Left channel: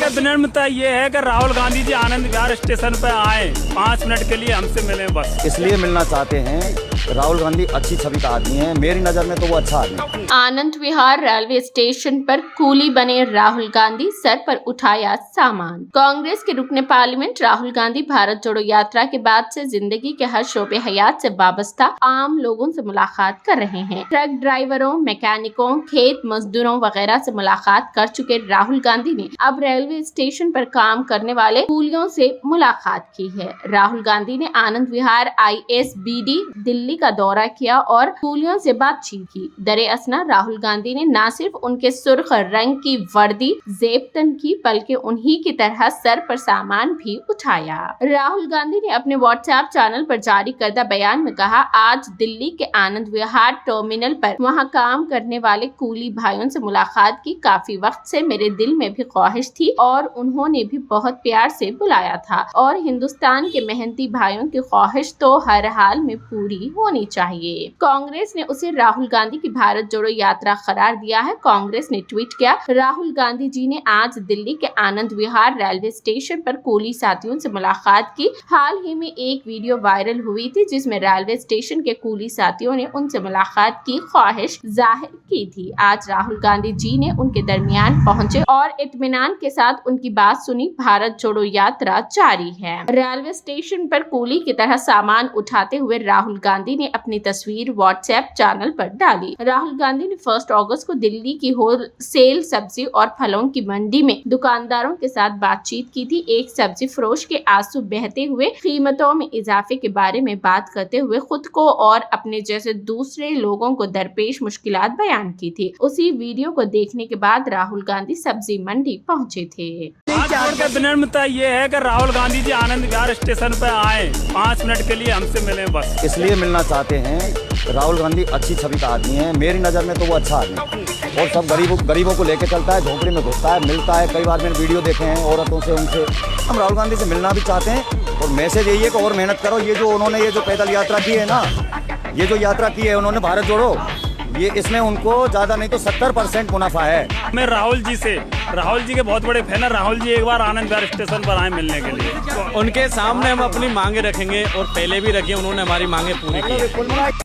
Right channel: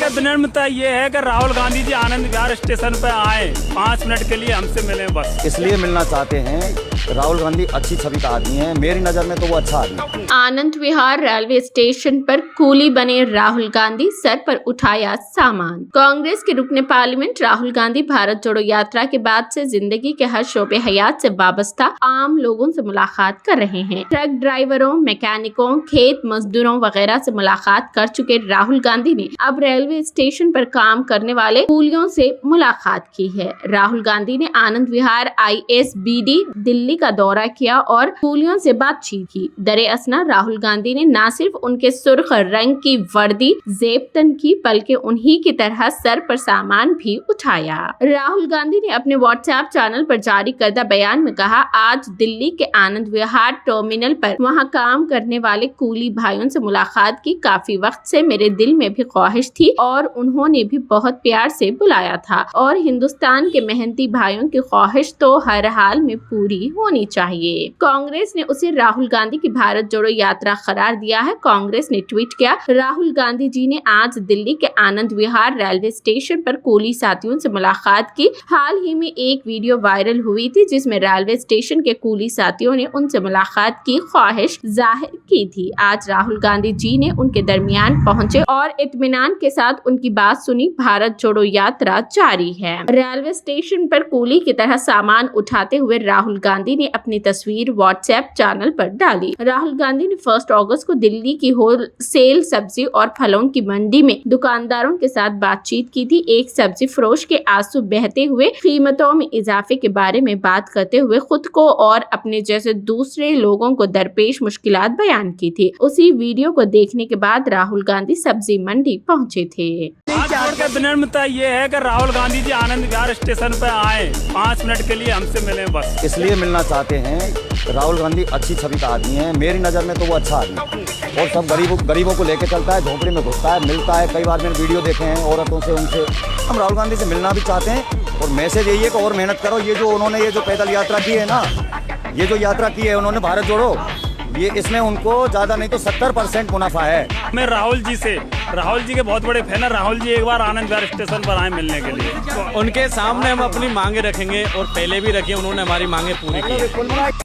के विनम्रता ये है कि राहुल गांधी जी आनंद विहार स्टेशन पर आए, 5 मिनट के लिए हमसे मिले बस। इसलिए मिलना चाहते हैं। राहुल गांधी अच्छी छवि का आदमी है, मेरी नजर में तो वो अच्छा आदमी है। आनंद विहार रेलवे स्टेशन पर कूली बने राहुल गांधी, सर पर उठाया सामान। कांग्रेस के रुकने पार्लियामेंट राहुल गांधी भारत जोड़ो यात्रा के बाद से जिंदगी के हर शोबे हयात से वाबस्ता आम लोगों से मुलाकात कर रहे हैं। ट्रक ड्राइवरों, मैकेनिकों, खेत मजदूरों वगैरह से मुलाकात कर चुके राहुल गांधी ने अब रेलवे स्टेशन पर काम करने वाले कूलियों से मुलाकात की है। राहुल गांधी ने आनंद विहार ISBD दिल्ली का दौरा किया और कूलियों से बातचीत की। दरे असना राहुल गांधी ने न सिर्फ उनके सुर्ख रंग की वर्दी जेब तन की, बल्कि उन्हीं की तरह सर पर सामान भी उठाया। राहुल गांधी ने अपने व्हाट्सएप चैनल पर जारी करदा बयान में कहा, आज दिल्ली के आनंद विहार टर्मिनल पर वहां काम करने वाले कूली भाइयों से मुलाकात की। काफी वक्त से मेरे दिल में भी ख्वाहिश थी और उन्होंने भी बहुत प्यार से बुलाया था और हिंदुस्तान के मेहनती भाइयों की ख्वाहिश तो हर हाल में पूरी होनी चाहिए। कांग्रेस ने उसे राहुल गांधी की भारत जोड़ो यात्रा करार दिया है। कांग्रेस ने ट्वीट किया, राहुल गांधी जी ने आज दिल्ली के आनंद विहार रेलवे स्टेशन पर कूली साथियों से मुलाकात की। हाल ही में एक वीडियो वायरल हुई थी जिसमें रेलवे स्टेशन के कूली साथियों ने उनसे मुलाकात की ख्वाहिश जाहिर की थी। आज राहुल गांधी जी ने उनके दरमियान पहुंचे और इत्मीनान के साथ उनकी बात सुनी। भारत जोड़ो यात्रा जारी है। रेलवे स्टेशन पर कूली की तरह सामान उठाते हुए राहुल गांधी ने अपनी तस्वीर व्हाट्सएप चैनल पर डाली। राहुल गांधी ने 1 अगस्त को दिल्ली की होलसेल सब्जी और फलों की मंडी में दुकानदारों के साथ बातचीत की थी। एक सब्जी फरोश के आंसू बहते हुए कीमतों में इजाफे के बारे में बात करते हुए खुद को और अपने जैसे दूसरे लोगों को दरपेश मुश्किलात बयान की थी। उसी वीडियो को देखने के बाद राहुल गांधी सब्जी मंडी पहुंचे थे। आज के विनम्रता ये है कि राहुल गांधी जी आनंद विहार स्टेशन पर आए, 5 मिनट के लिए हमसे मिले बस। इसलिए मिलना चाहते हैं। राहुल गांधी अच्छी छवि का आदमी है, मेरी नजर में तो वो अच्छा आदमी है और सब गरीबों को लेके चलता है, झोंपड़ी में घुसता है, मिलता है। कई बार मैंने वीडियो देखे हैं औरतों से, उनसे। हम राहुल गांधी से मिलना भी चाहते हैं और मैसेज यही है कि और मेहनत करो। ये जो पैदल यात्रा की है ना, ये जो यात्रा की है उन्होंने भारत जोड़ो, ये इसमें उनको ज्यादा नहीं तो 70% मुनाफा है। मैं राहुल जी के बहुत बड़े फैन है। राहुल जी एक बार आनंद विहार स्टेशन पर आए मिलने के लिए। उनके सामने हम अपनी मांगे रखेंगे और पहले भी रखी, उन्होंने हमारी मांगे पूरी की।